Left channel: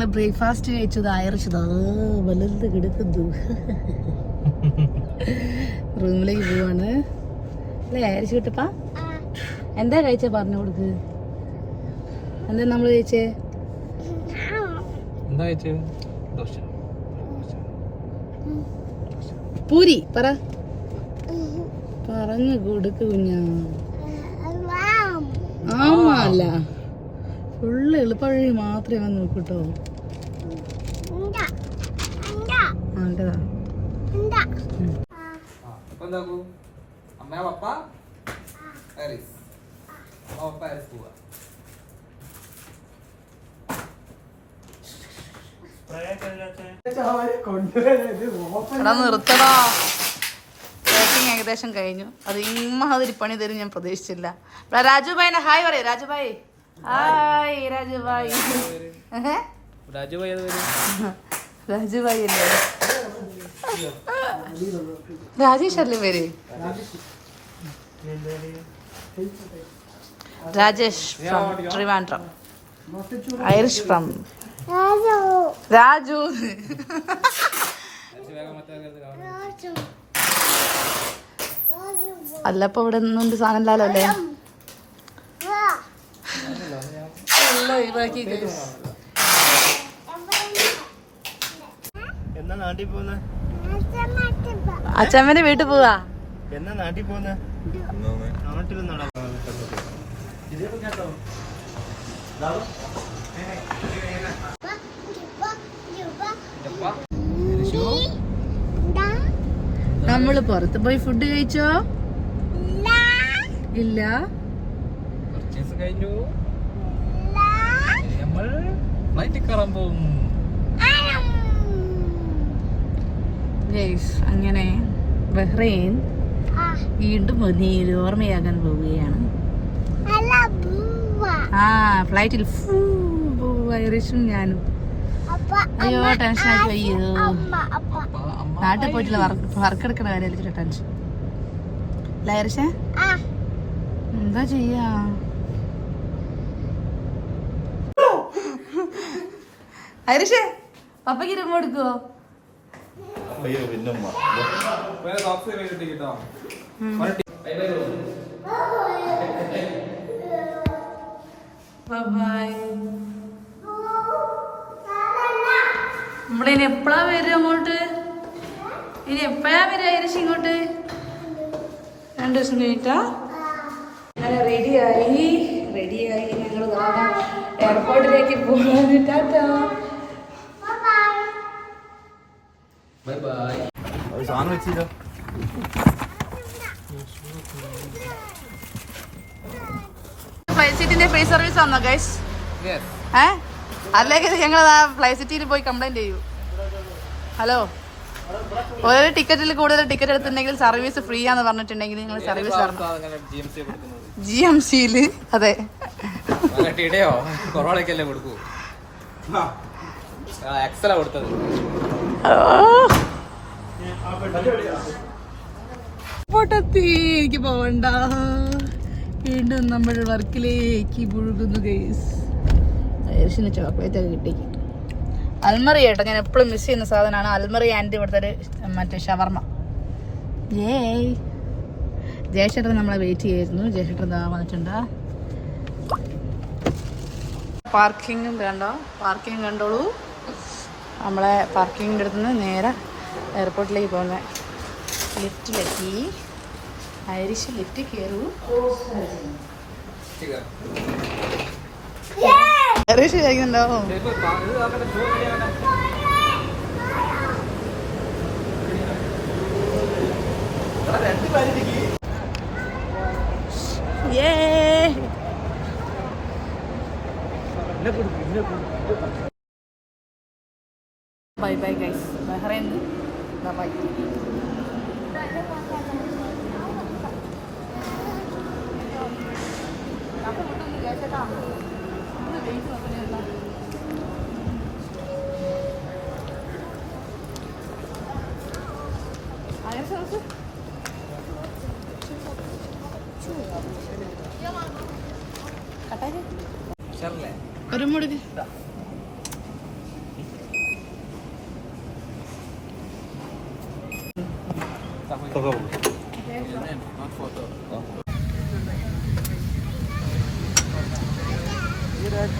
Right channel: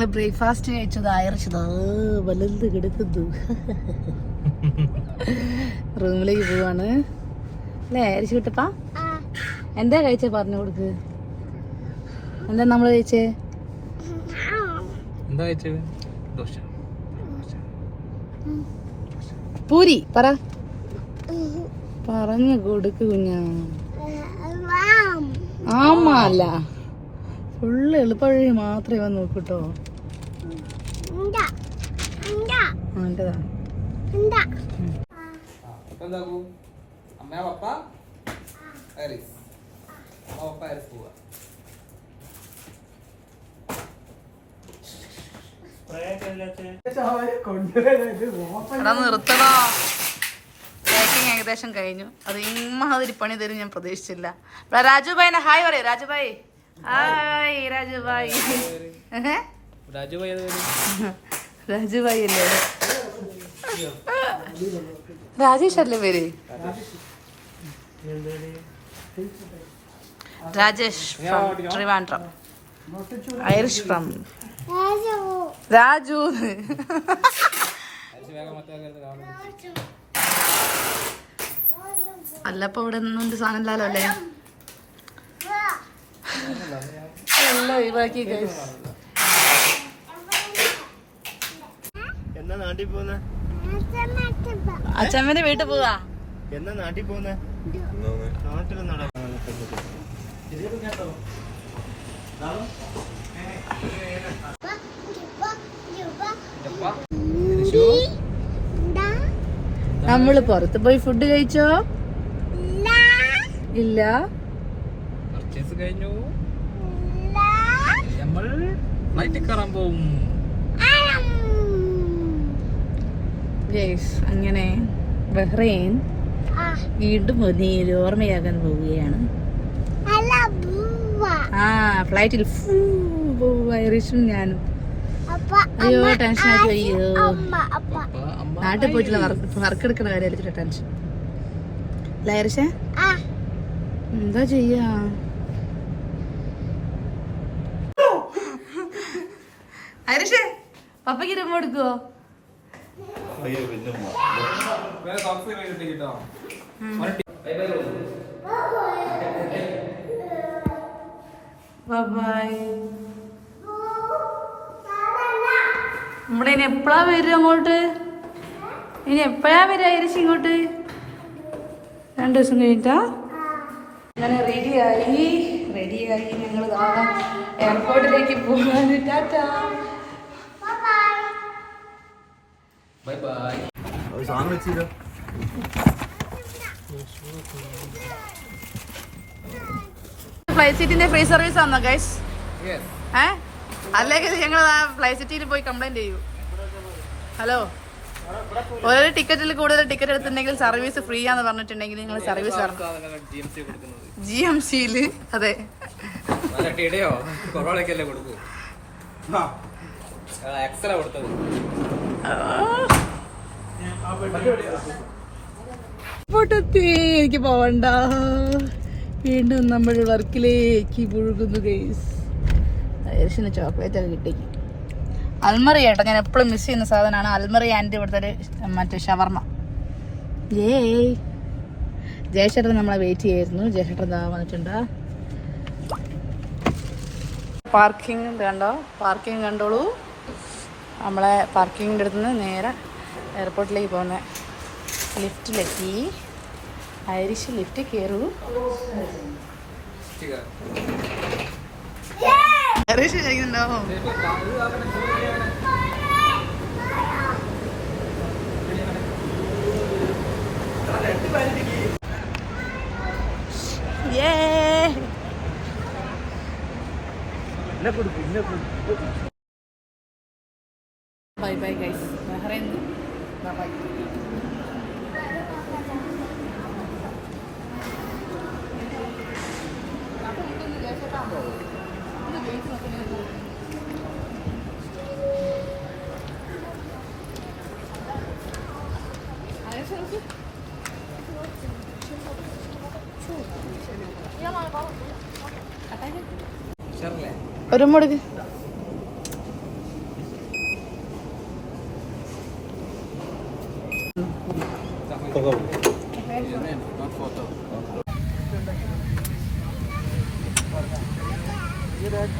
ഞങ്ങള് ബ്രേക്ക്ഫാസ്റ്റ് കഴിച്ചത് അയറിച്ചത് വലുത് കിടക്കുന്നു. റൂമിലേക്ക് പോവാണ് അല്ലേ അയറിച്ചു കിട്ടപ്പാ? എന്താ കഴിച്ചേ പറഞ്ഞു കൊടുക്ക്. എന്താ നമ്മള് കഴിച്ചേ? പൂരി പറ, പറഞ്ഞു കൊടുക്ക് കുഞ്ഞാ. ആമല്ല, ഫുള്ള് എളുപ്പവഴി മാത്രമേ വന്ന് നോക്കൂട്ടോ. നിർത്തണോ? പാക്കിങ് ഏകദേശം കഴിഞ്ഞു. അത് ഇമ്മാതിരി പണി തരും ഞാൻ പ്രതീക്ഷിച്ചില്ല. രാജുഭായിനെ ഹായ് പറയേ. രാജുഭായി ഹായ്. രാജുഭായി രാജുഭായി അല്ലേ? രാജേഷ് അല്ലേ പേര്? Rajesh from Trivandrum. Irish from Raju. അല്ല ഇപ്പൊ ഇവിടെ ഒന്നും സാധനം ഇല്ലല്ലോ അല്ലേ? എല്ലാം ഒഴിവാക്കി. എന്നാ നാട്ടിൽ പോന്നെ? അച്ഛമ്മന്റെ വീട്ടിൽ പോവാ. എന്നാ നാട്ടിൽ പോന്നെ? നാട്ടിൽ നമ്മള് പുറത്ത് പോയി ഫുഡ് കഴിച്ചോ? ഇല്ല. അങ്ങനെ ബഹ്റൈൻ വീണ്ടും ഒരു ഓർമ്മയാകാൻ പോവുകയാണ്. ആ ഫ്ലൈറ്റിൽ ഐറിഷും ഞാനും. അയ്യോ ടെൻഷൻ ആയിട്ട്. അയ്യോ നാട്ടിൽ പോയിട്ടില്ല, വർക്ക് എടുക്കണ കാര്യമല്ല ടെൻഷൻ. ഐറിഷേ എന്താ ചെയ്യാ? ഐറിഷേ പപ്പയ്ക്ക് രൂപ എടുക്കുവോ? നമ്മുടെ ഇനി എപ്പോഴാ വരും അങ്ങോട്ട്? ഇനി എപ്പോഴാ വരിക ഐറിഷ് ഇങ്ങോട്ട്? 2 ദിവസം കഴിഞ്ഞിട്ടാ? അങ്ങനെ റെഡിയായി ഞങ്ങൾ എയർപോർട്ടിലേക്ക് പോകാൻ. Tata bye bye. സാധനം വെച്ചില്ലോ. ഫ്ലൈ സിറ്റിന്റെ ഫ്രീ സർവീസ് ആണോ ഗൈസ്? അല്ലെങ്കിൽ ഞങ്ങൾ ആ ഫ്ലൈ സിറ്റിയിൽ പോയി കംപ്ലൈന്റ് ചെയ്യൂ. ഹലോ, ഓരോ ടിക്കറ്റിൽ കൂടുതൽ ടിക്കറ്റ് എടുത്തിട്ടുണ്ടെങ്കിൽ സർവീസ് ഫ്രീ ആന്ന് പറഞ്ഞിട്ടുണ്ടെങ്കിൽ നിങ്ങൾ സർവീസ് തരണം. GMC-ല് അതെ. എനിക്ക് പോവണ്ട. വീണ്ടും നമ്മൾ വർക്കിലേക്ക് പുഴുകുന്നു ഗൈസ്. ഐറിഷിന് ചോക്ലേറ്റ് ഒക്കെ കിട്ടി. അൽമറി കേട്ടോ, ഞാൻ എപ്പോഴും മിസ് ചെയ്യുന്ന സാധനമാണ് അൽമറി. ആൻഡ് ഇവിടുത്തെ ഒരു മറ്റേ ഷവർമ്മ. ജയശേട്ടൻ നമ്മളെ വെയിറ്റ് ചെയ്യായിരുന്നു. ജയശേട്ടൻ ഇതാ വന്നിട്ടുണ്ട്. പാർക്കിംഗ് കണ്ടോ? പാർക്കിംഗ് കണ്ടോളൂ. നമ്മളെ പാർക്കിങ്ങിൻ്റെ അടുത്ത് നിന്ന് നേരെ എയർപോർട്ടിലേക്ക് പോകുന്നത്. ലിഫ്റ്റിലെത്തി. ഐറിഷ് ലിഫ്റ്റ് കയറൂ. ഐറിഷ് കഴിക്കുന്നുണ്ടോ? Bye bye guys. Bahrain bye. ഒരു മുടുക്ക് ഈ റോഡ്